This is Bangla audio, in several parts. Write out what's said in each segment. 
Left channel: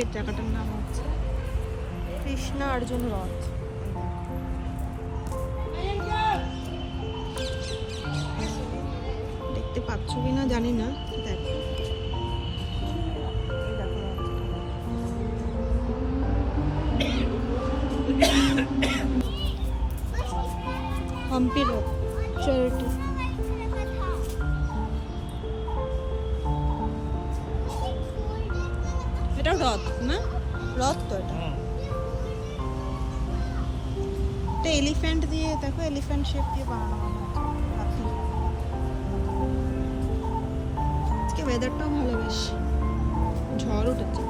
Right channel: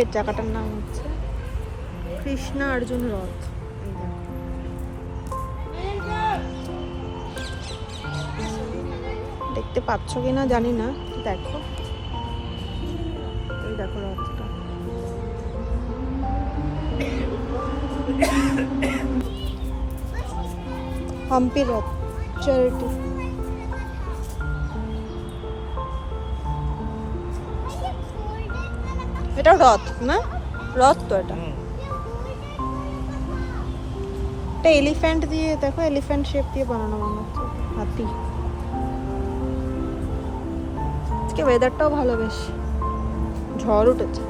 এই জায়গাটার নাম হচ্ছে কৃষ্ণা অর্জুন রথ। দেখতে পাচ্ছ কিনা জানি না, দেখো এই দেখো রথটা। হাম্পি রথ চ্যারিটি। এটা রথ না, রথ তো এটা। এটা এলিফ্যান্ট দিয়ে, দেখো এলিফ্যান্ট শেপ দিয়ে বানানো মনে হচ্ছে, হাতি। আজকে ওয়েদারটাও ভালো, বেশ ঝড় উঠেছে।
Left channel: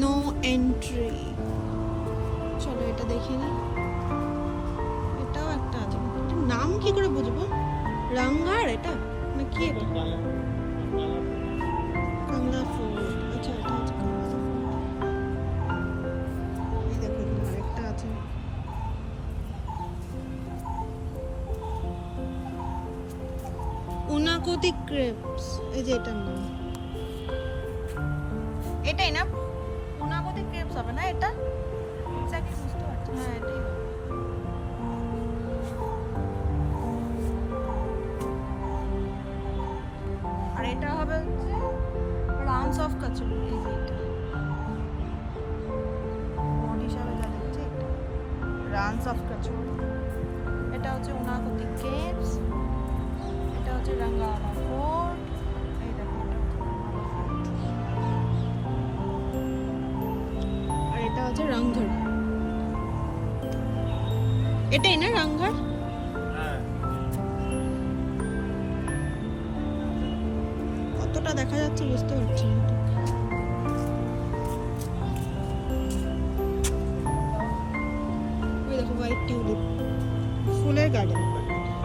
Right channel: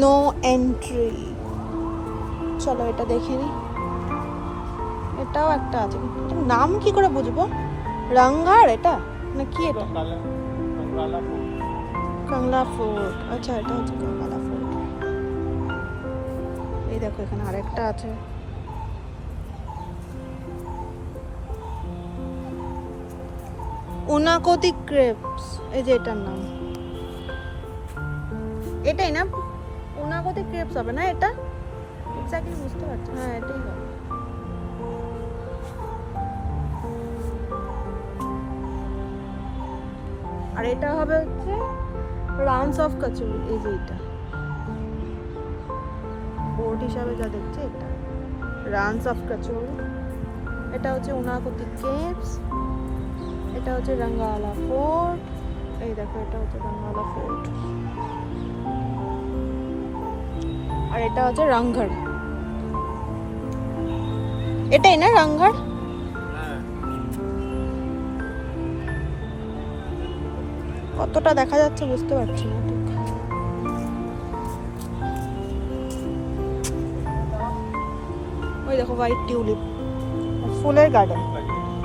No entry. চলো এটা দেখে নি। এটাও একটা আছে, এটার নাম কি করে বুঝবো? রংঘাড় এটা না কি? এটা কাংলা ফোর্ট। আচ্ছা এটা হচ্ছে কাংলা ফোর্ট। এই দেখো এখানে আরেকটা আছে। উনাকোতি ক্রেপস, এই যে এটার নাম। এটাই না? উনাকোতি ক্রেপস হবে না এটা? এক্স্যাক্টলি বুঝতে পারছি। হ্যাঁ এটাই হবে। আর এটা হবে হচ্ছে রানস অফ কচুরি। এই যে এটা বোর্ড হিসাবে যা দেখছি, এটা রানস অফ কচুরি। এটা হচ্ছে উনাকোতি কেভস। এটা হচ্ছে রঙ্গালা ফোর্ট। এই দেখো এটা হচ্ছে রঙ্গালা ফোর্ট। আর এটা হচ্ছে রংঘর। এটাই না রংঘর? কতটা দেখা যাচ্ছে বুঝতে পারছি না ঠিক। ওই দেখো হোয়াইট টিউলিপ, ফুলের গার্ডেন।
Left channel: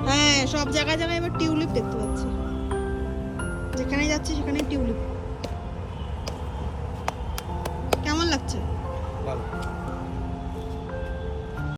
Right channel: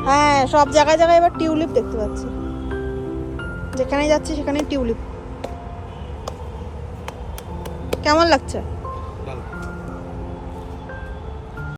হ্যাঁ সব জায়গায় জায়গায় এবার টিউলিপ দেখতে পাচ্ছি, যেখানে যাচ্ছি সেখানে টিউলিপ। কেমন লাগছে?